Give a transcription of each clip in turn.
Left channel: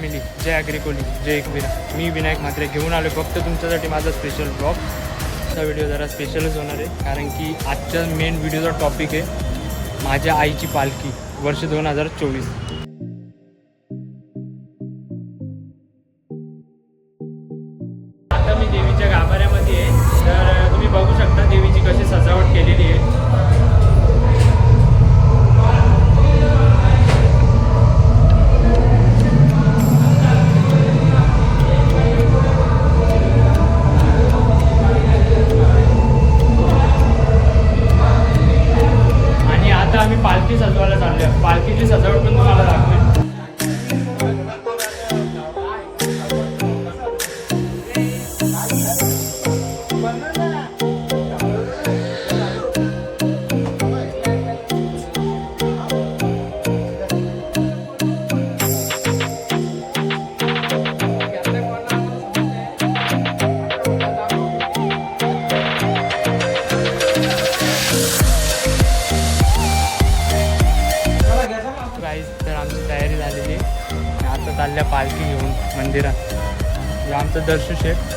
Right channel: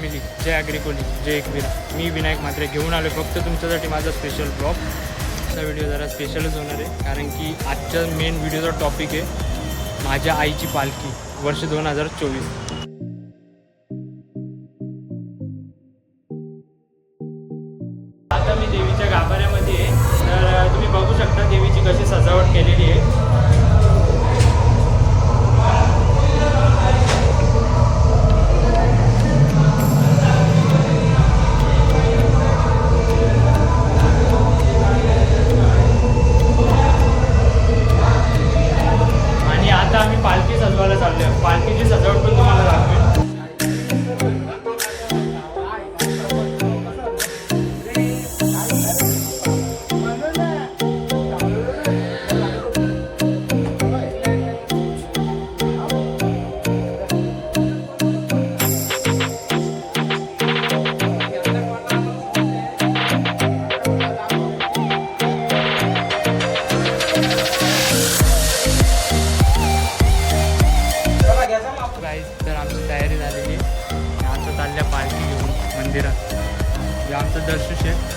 Family, जय ॲग्रिकोली, जय एकवीरा. मी विनायक म्हात्रे घेऊन आलो फक्त तुमच्यासाठी माझा स्पेशल ब्लॉग. हा व्हिडिओ जरा स्पेशलच होणार आहे कारण की आजच्या मेन व्हिडिओचा टॉपिक आहे माझ्या आईची पालखी वर्ष 2024. आता मी देवीच्या गाभाऱ्यामध्ये आहे. तर तुम्ही बघू शकता देवीची कशी सजावट केलेली आहे. आम्ही पालखी सजवायला चाललो आहे. पालखीची सजावट पण तुम्हाला दाखवेन. तर आमची तयारी झालेली आहे. आता चालल्या पालखी घेऊन मंदिरात. हे आमचं दर्शू शेठ.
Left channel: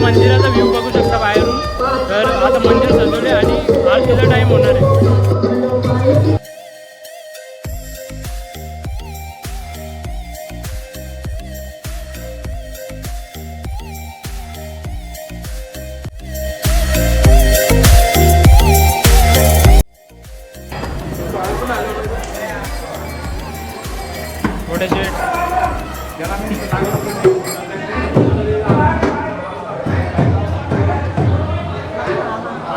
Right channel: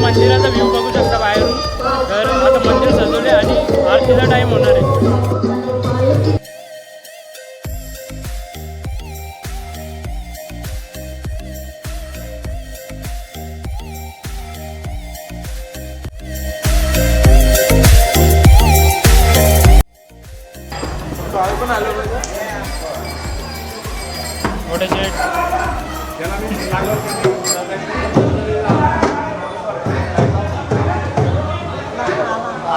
मंदिराचा व्ह्यू बघू शकता बाहेरून. तर आता मंदिर सजवले आणि आरतीचा टाइम होणार आहे. मोठे शेट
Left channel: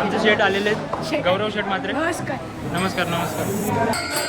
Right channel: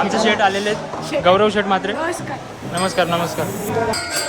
आमचे शेट आलेले आहेत. गौरव शेट म्हात्रे. नमस्कार नमस्कार नमस्कार.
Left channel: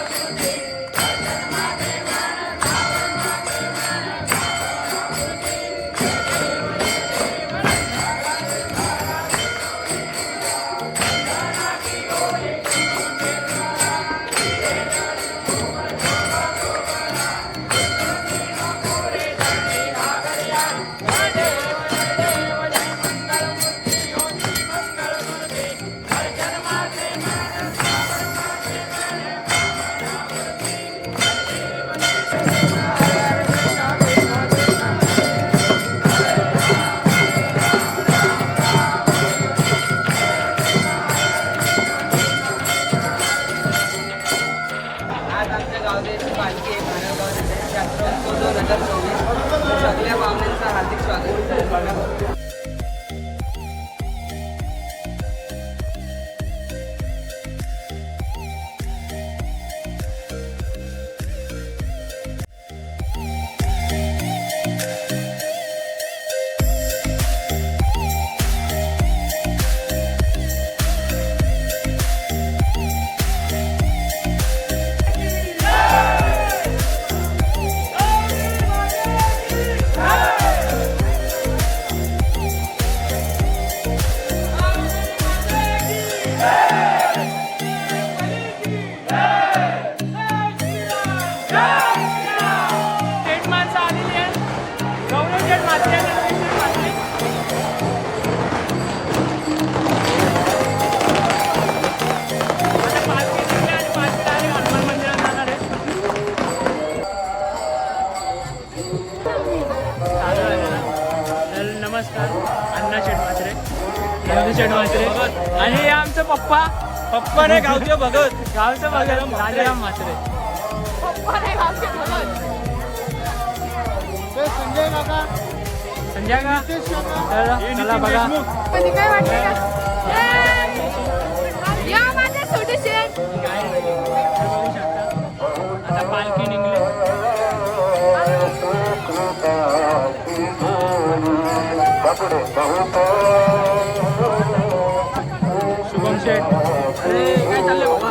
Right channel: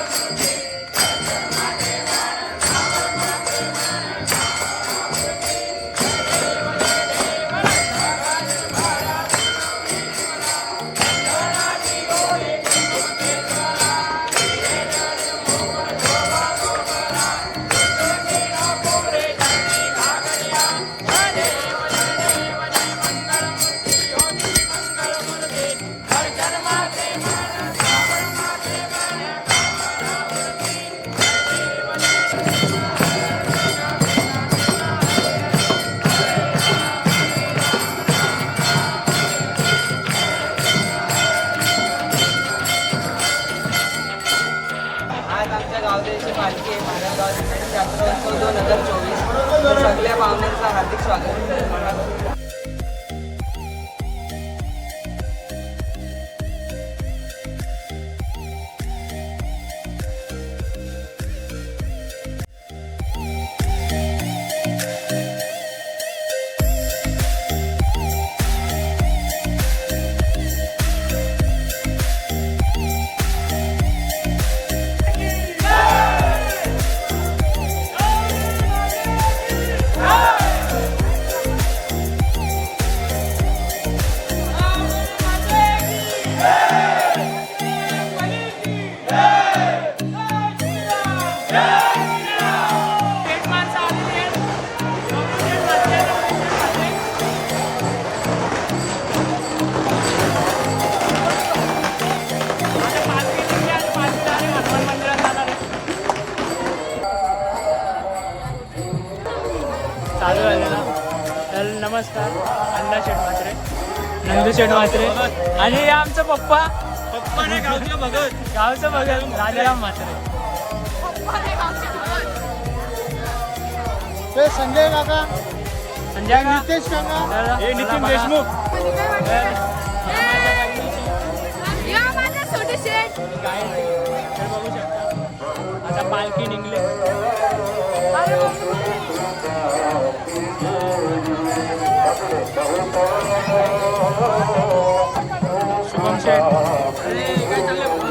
छोटी शेट म्हात्रे आणि हे आमचं पप्पा नाही गावचं भगत राजाराम म्हात्रे. संजय का चला बघा आता पालखी निघली. शुभम शेठ अरे काय चाललंय बाबा.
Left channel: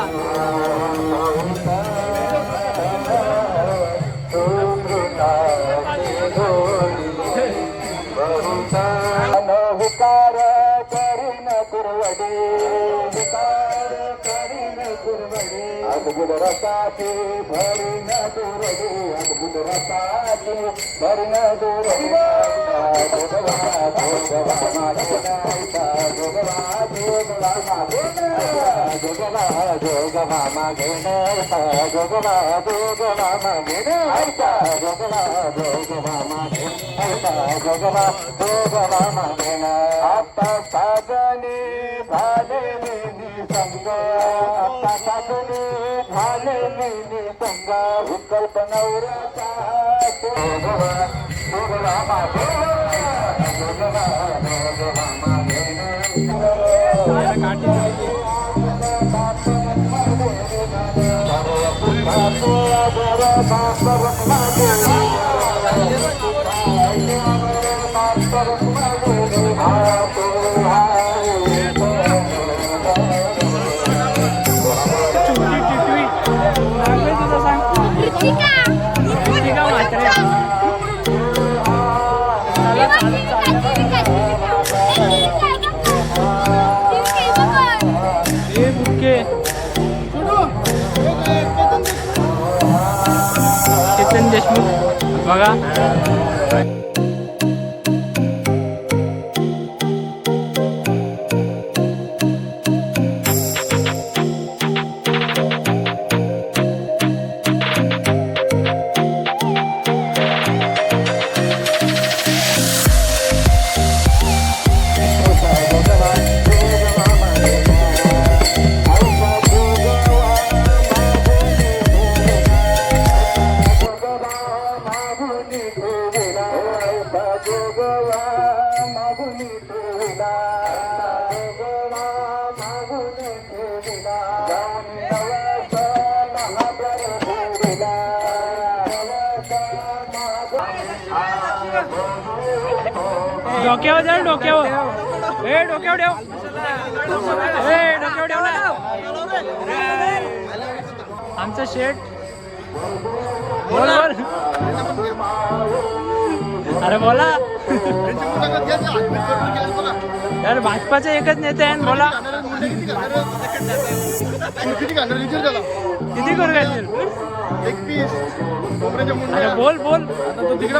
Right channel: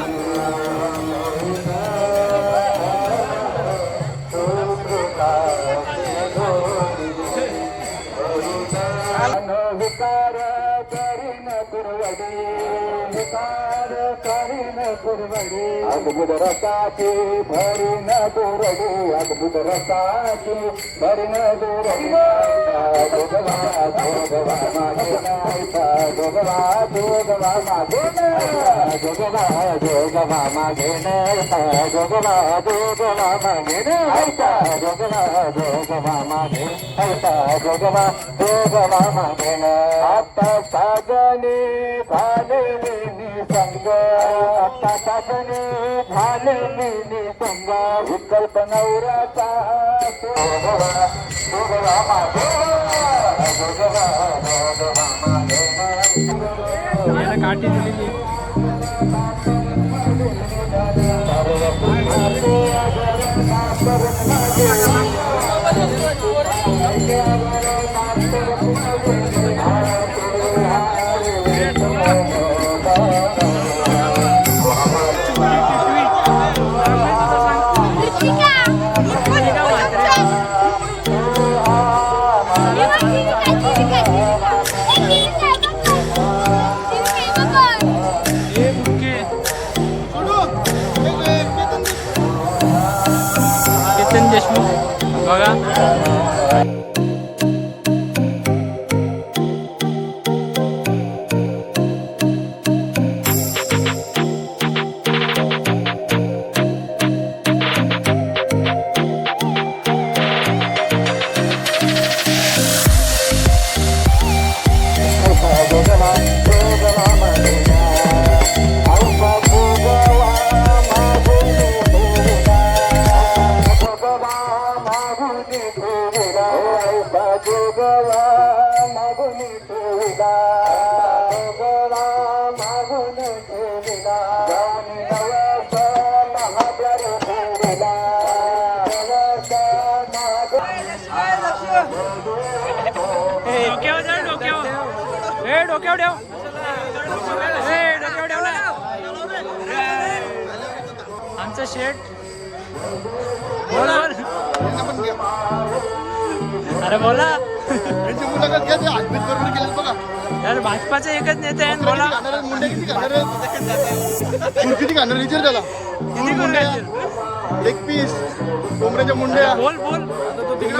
केतन देशमुख बघा. डोक्यावर जाऊ डोक्यावर ए डोक्यावर ठेव ए डोक्यावर ठेव ना. आमचं शेट बोल बोल अरे बोला यार भाजपाचे एकच नेते आहे बोला. किती करू घालशील अरे बोल बोल आता तो तिकडे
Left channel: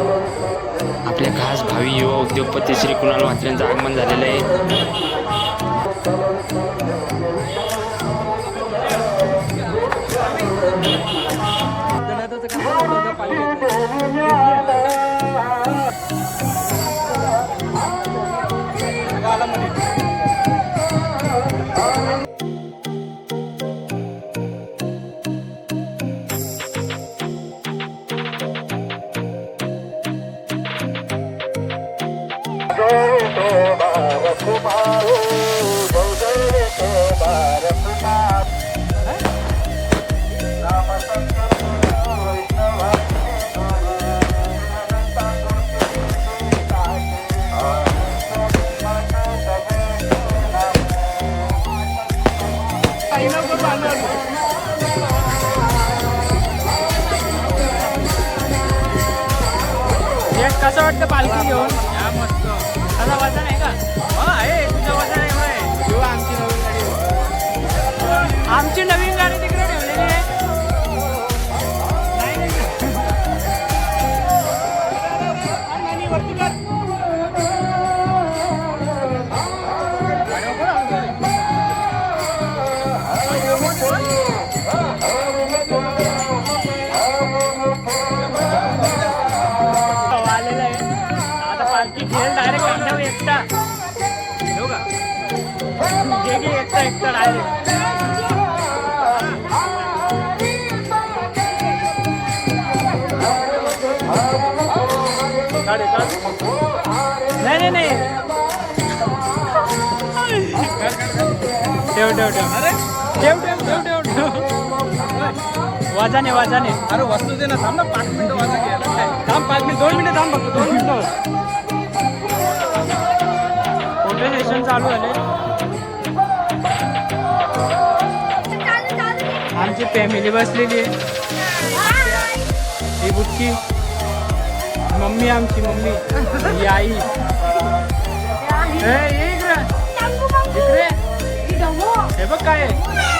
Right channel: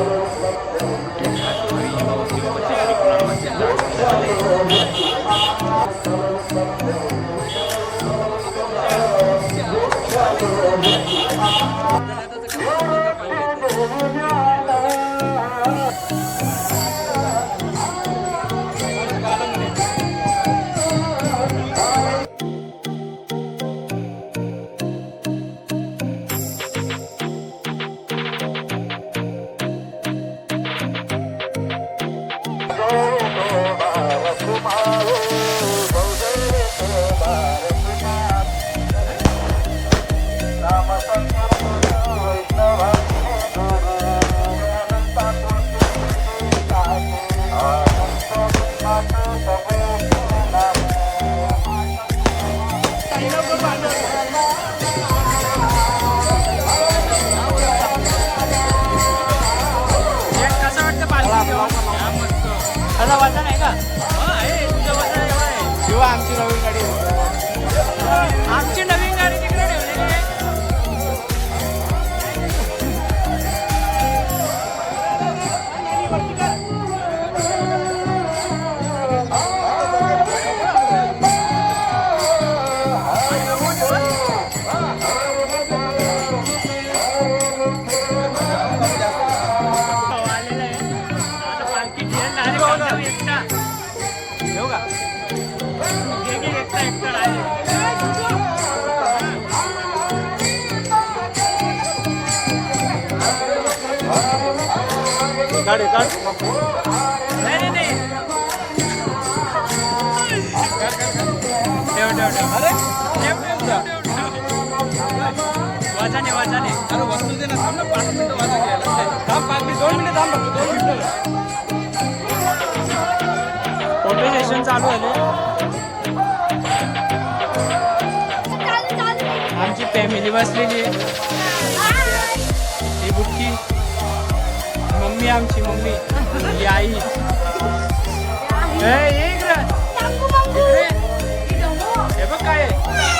आपल्या खास भावी युवा उद्योगपती श्री कुणाल म्हात्रेंचं आगमन झालेलं आहे. कसं वाटतं पालखी घेऊन या मस्त. त्याचा वजन आहे का? आहे तुझं वजन एवढं आहे. आमची नवीन गाडी तिकडे ठेवलेली आहे. बेटा येऊ का घे घे एकटा एकटा नाही नाही नाही ठेव ठेव ठेव अरे वाजाने वाजाने अरे वस्तू दे ना थांब ना 5 मिनिटं वाजा घ्यायला काय 2 मिनिटं फोटो सेशन चालू झाले आमची फॅमिली बसलेली आहे ही बुटकी मम्मी आमची मम्मी ही आई इकडे हे बघ काय आहे